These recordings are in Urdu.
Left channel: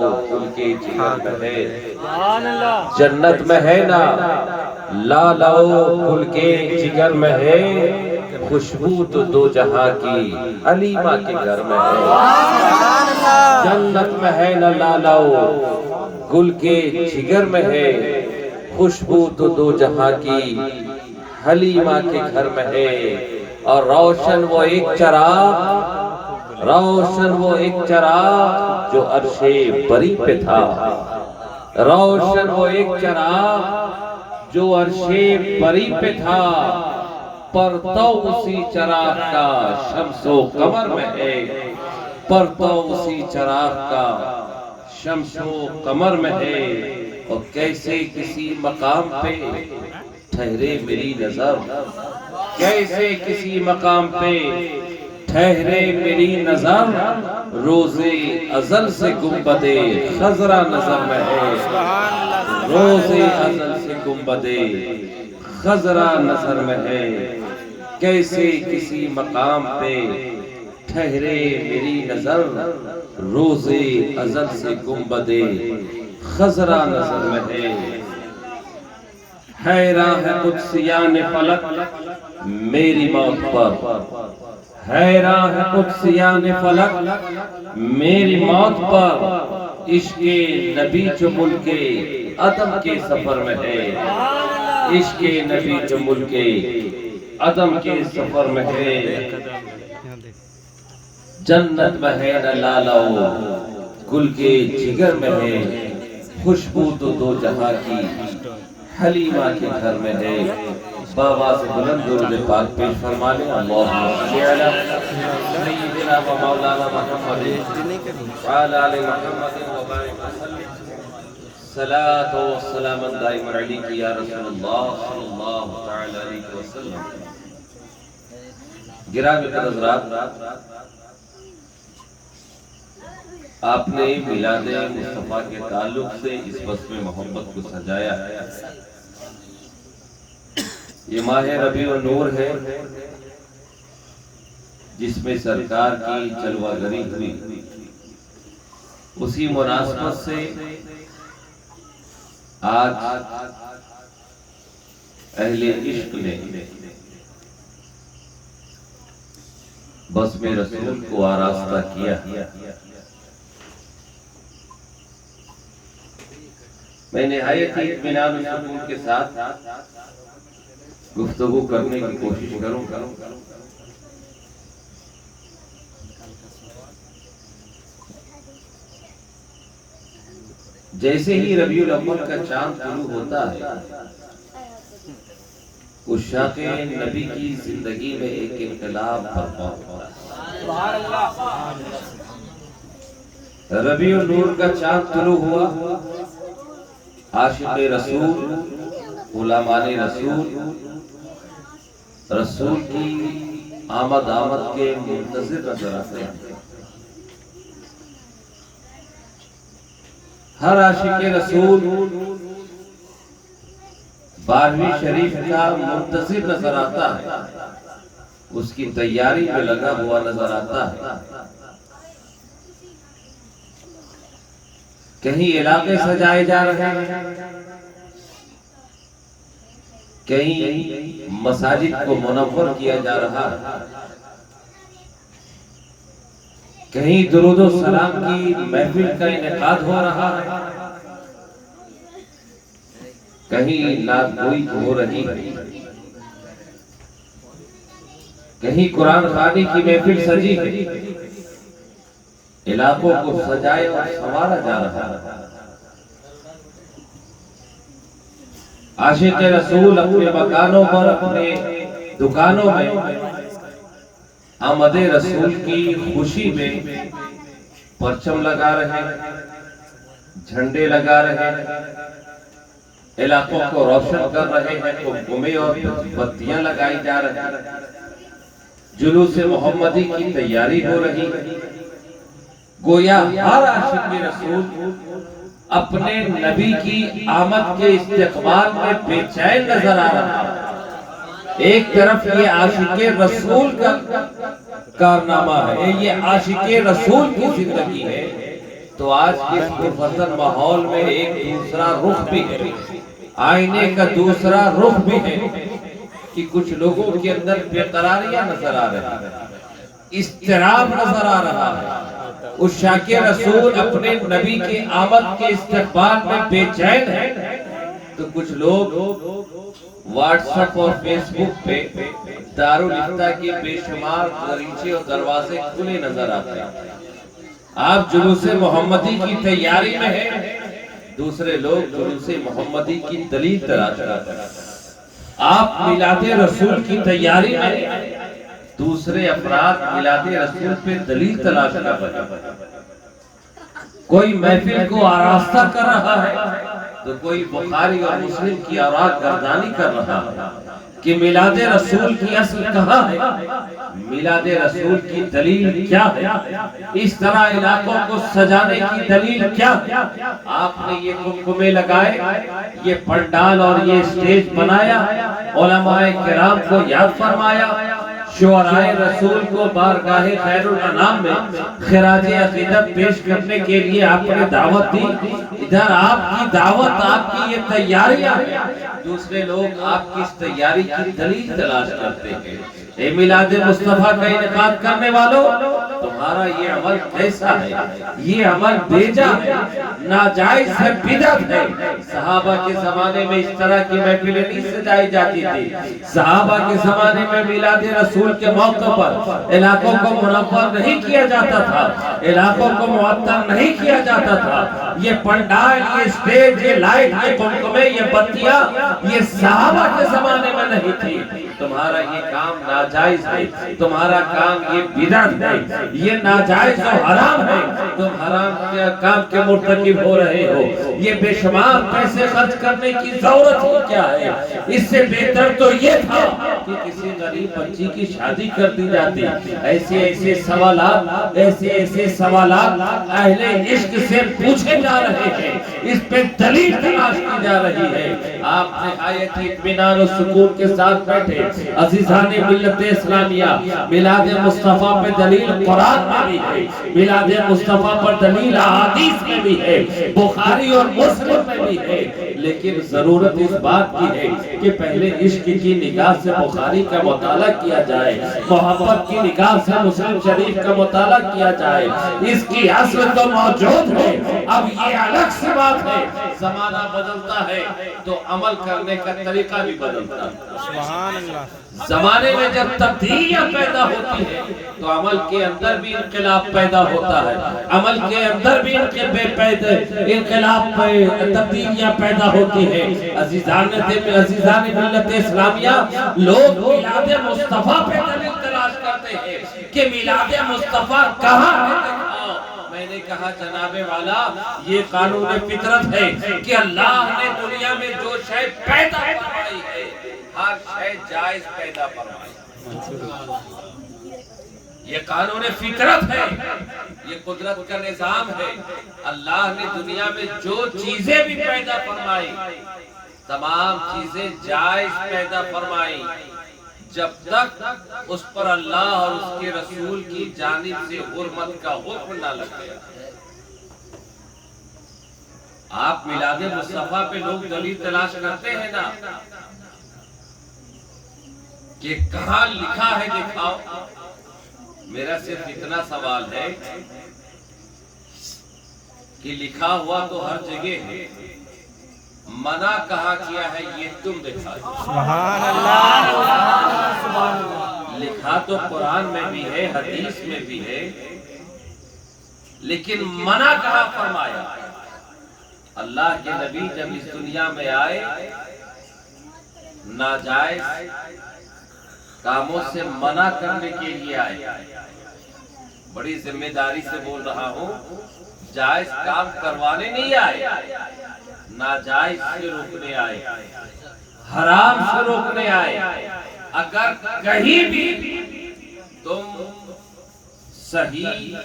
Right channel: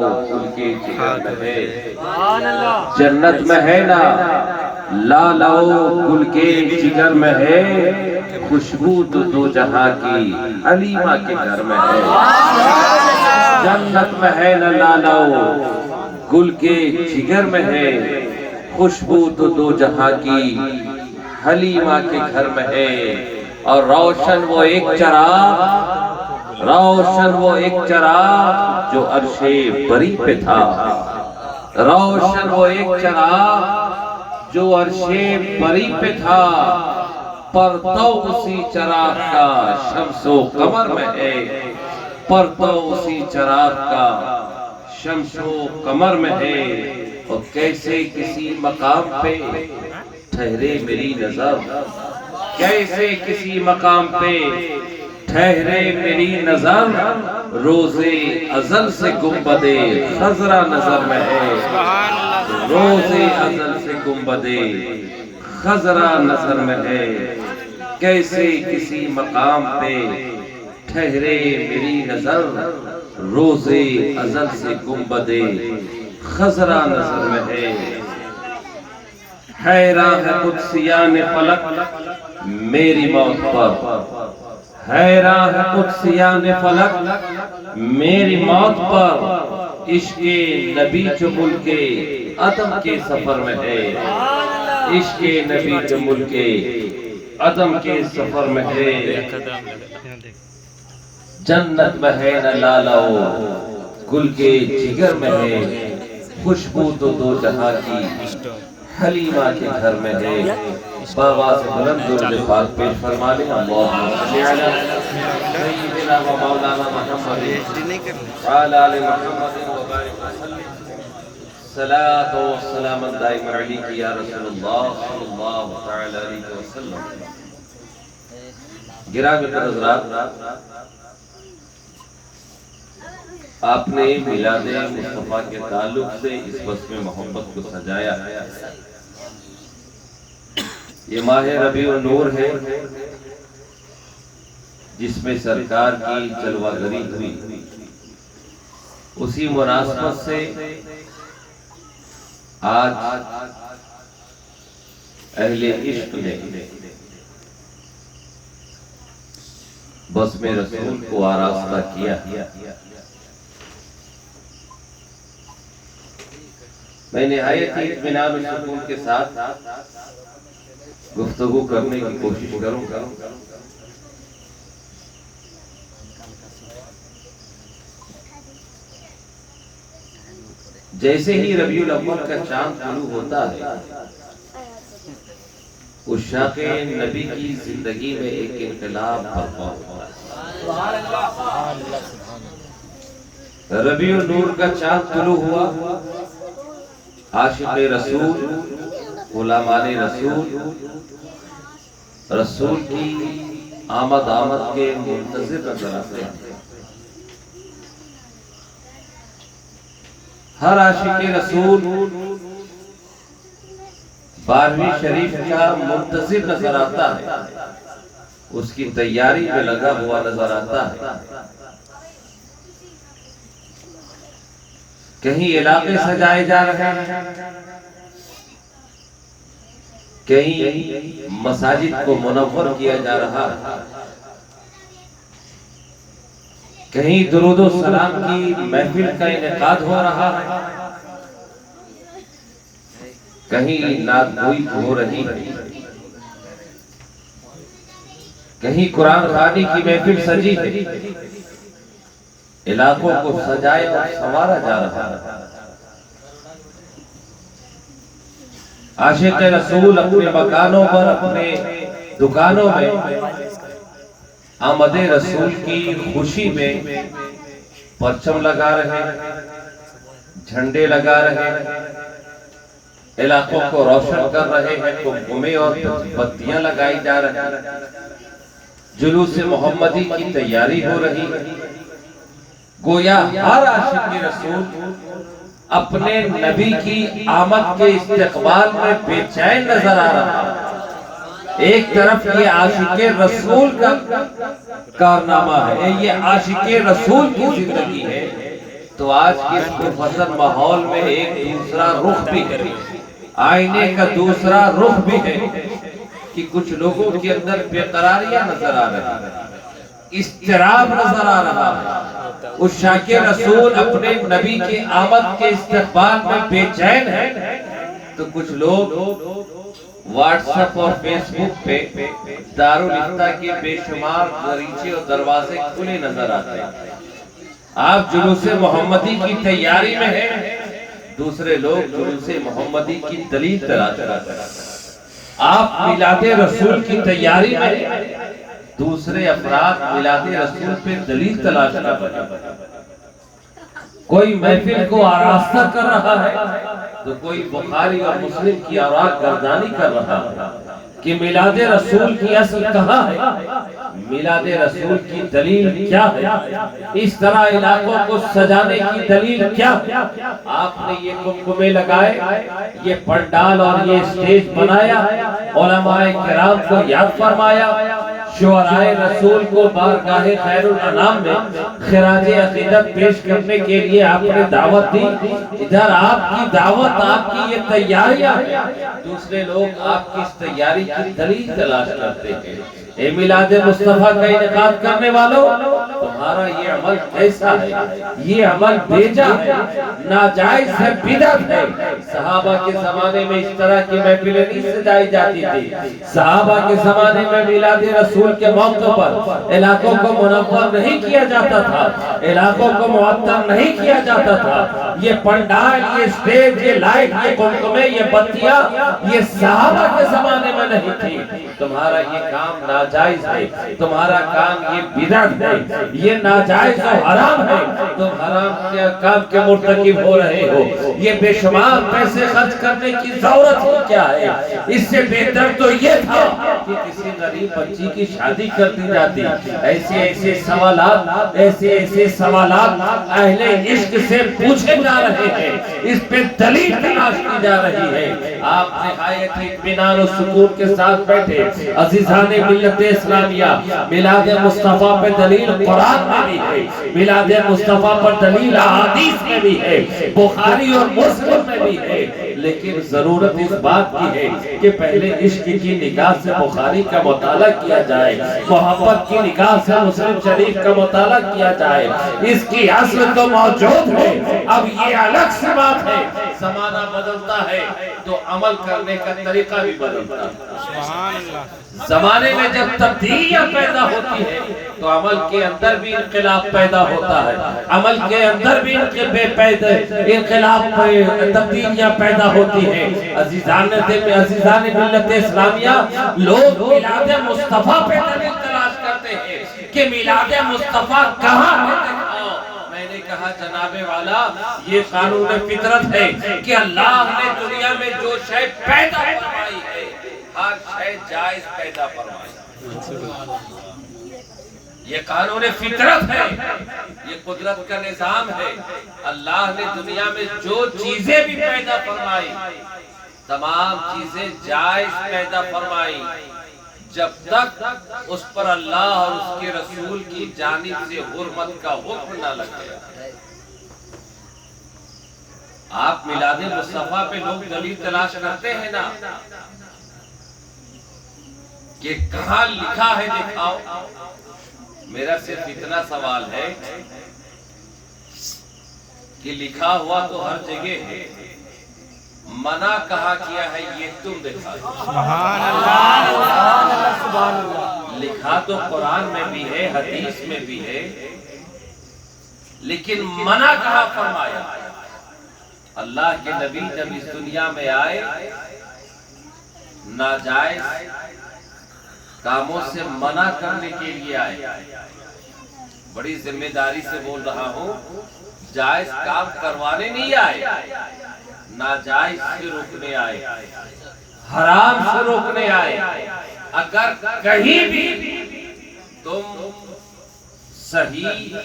گل کے جگر میں ہے، جنت میں ہے نا لالاؤ گل کے جگر میں ہے، خوشبو تو دو جہاں کی حلیمہ کے گھر میں ہے۔ جنت میں ہے نا لالاؤ گل کے جگر میں ہے، خوشبو تو دو جہاں کی حلیمہ کے گھر میں ہے۔ اور روشن وہ ایک چراغ، روشن وہ ایک چراغ جو عرش بری پہ تھا، روشن وہ ایک چراغ جو عرش بری پہ تھا، پرتو اسی چراغ کا شمس و قمر میں ہے، پرتو اسی چراغ کا شمس و قمر میں ہے۔ اور کیسے کسی مقام پہ ٹھہرے میری نظر، کیسے کسی مقام پہ ٹھہرے میری نظر، روز ازل سے گنبد خضرا نظر میں ہے، روز ازل سے گنبد خضرا نظر میں ہے۔ کیسے کسی مقام پہ ٹھہرے میری نظر، روز ازل سے گنبد خضرا نظر میں ہے۔ حیران ہے قدسیان فلک میری موت پر، حیران ہے قدسیان فلک میری موت پر، عشق نبی جو ملک عدم کے سفر میں ہے، عشق نبی جو ملک عدم کے سفر میں ہے۔ جنت میں ہے نہ لالاؤ گل کے جگر میں ہے، خوشبو تو دو جہاں کی حلیمہ کے گھر میں ہے۔ بابا سے بلند درود پاک پیش فرمانے، اللہم صلی علی سیدنا و مولانا محمد وعلی آل محمد وبارک وسلم، صلاۃ و سلام دائم علیک یا رسول اللہ صلی اللہ تعالی علیہ وسلم۔ گرامی حضرات، آپ نے میلاد مصطفیٰ کے تعلق سے اس بزم محبت کو سجایا ہے۔ یہ ماہ ربیع النور ہے جس میں سرکار کی جلوہ گری ہوئی، اسی مناسبت سے آج اہل عشق نے بزم رسول کو آراستہ کیا۔ میں نہایت ہی اطمینان و سکون کے ساتھ گفتگو کرنے کی کوشش کروں گا۔ جیسے ہی ربیع الاول کا چاند طلوع ہوتا ہے، عشاق نبی کی زندگی میں ایک انقلاب برپا ہوتا ہے۔ ربیع النور کا چاند طلوع ہوا، عاشق رسول، غلامان رسول، رسول کی آمد کے منتظر نظر آتے ہیں۔ ہر عاشق رسول 12ویں شریف کا منتظر نظر آتا ہے، اس کی تیاری میں لگا ہوا نظر آتا ہے۔ کہیں علاقے سجائے جا رہے ہیں، کہیں مساجد کو منور کیا جا رہا ہے، کہیں درود و سلام کی محفل کا انعقاد ہو رہا ہے، کہیں نعت گوئی ہو رہی ہے، کہیں قرآن خوانی کی محفل سجی ہے۔ علاقوں کو سجائے اور سنوارا جا رہا ہے۔ عاشق رسول اپنے مکانوں پر، اپنے دکانوں میں آمد رسول کی خوشی میں پرچم لگا رہے ہیں، جھنڈے لگا رہے ہیں، علاقوں کو روشن کر رہے ہیں، قمقمے اور بتیاں لگائی جا رہی ہیں، جلوس محمدی کی تیاری ہو رہی ہے۔ گویا ہر عاشق رسول اپنے نبی کی آمد کے استقبال میں بے چین نظر آ رہا ہے۔ ایک طرف یہ عاشق رسول کا کارنامہ ہے، یہ عاشق رسول کی زندگی ہے، تو آج کے اس مفصل ماحول میں ایک دوسرا رخ بھی ہے، آئینے کا دوسرا رخ بھی ہے کہ کچھ لوگوں کے اندر بے قراریاں نظر آ رہا ہے، اضطراب نظر آ رہا ہے۔ اس شاک رسول اپنے نبی کے آمد کے استقبال میں بے چین ہے، تو کچھ لوگ واٹس ایپ اور فیس بک پہ دارالفتہ کے بے شمار دریچے اور دروازے کھلے نظر آتے ہیں۔ آپ جلوس محمدی کی تیاری میں ہیں، دوسرے لوگ جلوس محمدی کی دلیل تلاش کرتے ہیں۔ آپ میلاد رسول کی تیاری میں، دوسرے افراد میلاد رسول پہ دلیل تلاش کر رہے ہیں۔ کوئی محفل کو آراستہ کر رہا ہے تو کوئی بخاری اور مسلم کی آراء گردانی کر رہا ہے کہ میلاد رسول کی اصل کہاں ہے، میلاد رسول کی دلیل کیا ہے، اس طرح علاقوں کو سجانے کی دلیل کیا ہے۔ آپ نے یہ کمکمے لگائے، یہ پنڈال اور یہ اسٹیج بنایا، علماء کرام کو یاد فرمایا، شعراء رسول کو بارگاہ خیر الانام میں خراج عقیدت پیش کرنے کے لیے آپ نے دعوت دی۔ ادھر آپ کی دعوت، آپ کی یہ تیاریاں ہیں، دوسرے لوگ آپ کی اس تیاری کی دلیل تلاش کرتے ہیں۔ اے میلاد مصطفیٰ کا انعقاد کرنے والوں، تمہارا یہ عمل کیسا ہے؟ یہ عمل بیجا ہے، ناجائز ہے، بدعت ہے۔ صحابہ کے زمانے میں اس طرح کی محفلیں نہیں سجائی جاتی تھی۔ صحابہ کے زمانے میں میلاد رسول کے موقع پر علاقوں کو منور نہیں کیا جاتا تھا، علاقوں کو معطر نہیں کیا جاتا تھا۔ یہ پنڈال، یہ اسٹیج، یہ لائٹ، یہ کمکمے، یہ بتیاں، یہ صحابہ کے زمانے میں نہیں تھی۔ تمہارا یہ کام ناجائز ہے، تمہارا کام یہ بدعت ہے، یہ ناجائز و حرام ہے، تم حرام کے کام کے مرتکب ہو رہے ہو۔ یہ بے شمار پیسے خرچ کرنے کی ضرورت ہی کیا ہے؟ اس سے بہتر تو یہ تھا کہ کسی غریب بچی کی شادی کر دی جاتی۔ ایسے سوالات اہل عشق سے پوچھے جا رہے ہیں، اس پہ دلیل تلاش کی جا رہی ہے۔ آپ نہایت اطمینان و سکون کے ساتھ بیٹھے، عزیزان ملت اسلامیہ، میلاد مصطفیٰ پہ دلیل قرآن میں بھی ہے، میلاد مصطفیٰ پر دلیل احادیث میں بھی ہے، بخاری اور مسلم میں بھی ہے، لیکن ضرورت اس بات کی ہے کہ پہلے عشق کی نگاہ سے بخاری کا مطالعہ کیا جائے، محبت کی نگاہ سے مسلم شریف کا مطالعہ کیا جائے۔ اس کی اصل تو موجود ہے، اب یہ الگ سی بات ہے، زمانہ بدلتا ہے تو عمل کرنے کا طریقہ بھی بدلتا ہے۔ زمانے میں جب تبدیلیاں پیدا ہوتی ہیں تو عمل کے اندر بھی انقلاب پیدا ہوتا ہے، عمل کے اندر بھی انقلاب تبدیلیاں پیدا ہوتی ہیں۔ عزیزان ملت اسلامیہ، لوگ میلاد مصطفیٰ پہ دلیل تلاش کرتے ہیں کہ میلاد مصطفیٰ کہاں ہے۔ میں نے کہا جناب والا، یہ قانون فطرت ہے کہ اللہ نے دنیا میں جو شے پیدا فرمائی ہے، ہر شے جائز پیدا فرمائی۔ یہ قانون فطرت ہے، یہ قدرت کا نظام ہے۔ اللہ نے دنیا میں جو چیزیں بھی پیدا فرمائی، تمام چیزیں جائز پیدا فرمائی، جب تک اس پر اللہ اور اس کے رسول کی جانب سے حرمت کا حکم نہ لگے۔ آپ میلاد مصطفیٰ پہ لوگ دلیل تلاش کرتے ہیں نا کہ کہاں لکھا ہے دکھاؤ۔ میرا صرف اتنا سوال ہے کہ لکھا ہوا تو ہر جگہ ہے، منع کہاں کیا ہے یہ تم دکھاؤ۔ لکھا تو قرآن میں بھی ہے، حدیث میں بھی ہے، لیکن منع کہاں فرمایا؟ اللہ کے نبی جب اس دنیا میں آئے، ناجائز کاموں سے منع کرنے کے لیے آئے۔ بڑی ذمہ داری سے بول رہا ہوں، جائز کام کروانے نہیں آئے، ناجائز سے روکنے آئے، حرام سے روکنے آئے۔ اگر کہیں بھی تم صحیح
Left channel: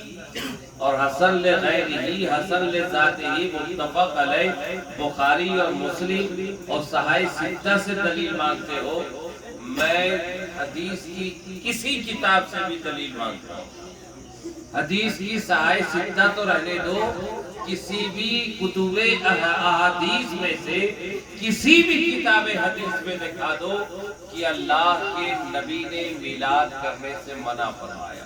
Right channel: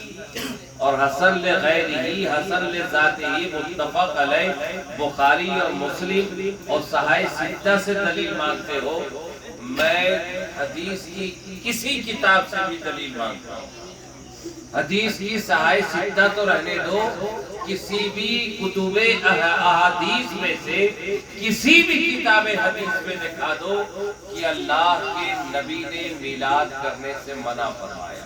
اور حسن لغیرہی، حسن لذاتہی، متفق علیہ بخاری اور مسلم اور صحاح ستہ سے دلیل مانگتے ہو، میں حدیث کی کسی کتاب سے بھی دلیل مانگتا ہوں۔ حدیث کی صحائف اتنا تو رہنے دو، کسی بھی کتب احادیث میں سے کسی بھی کتاب حدیث میں دکھا دو کہ اللہ کے نبی نے میلاد کرنے سے منع فرمایا.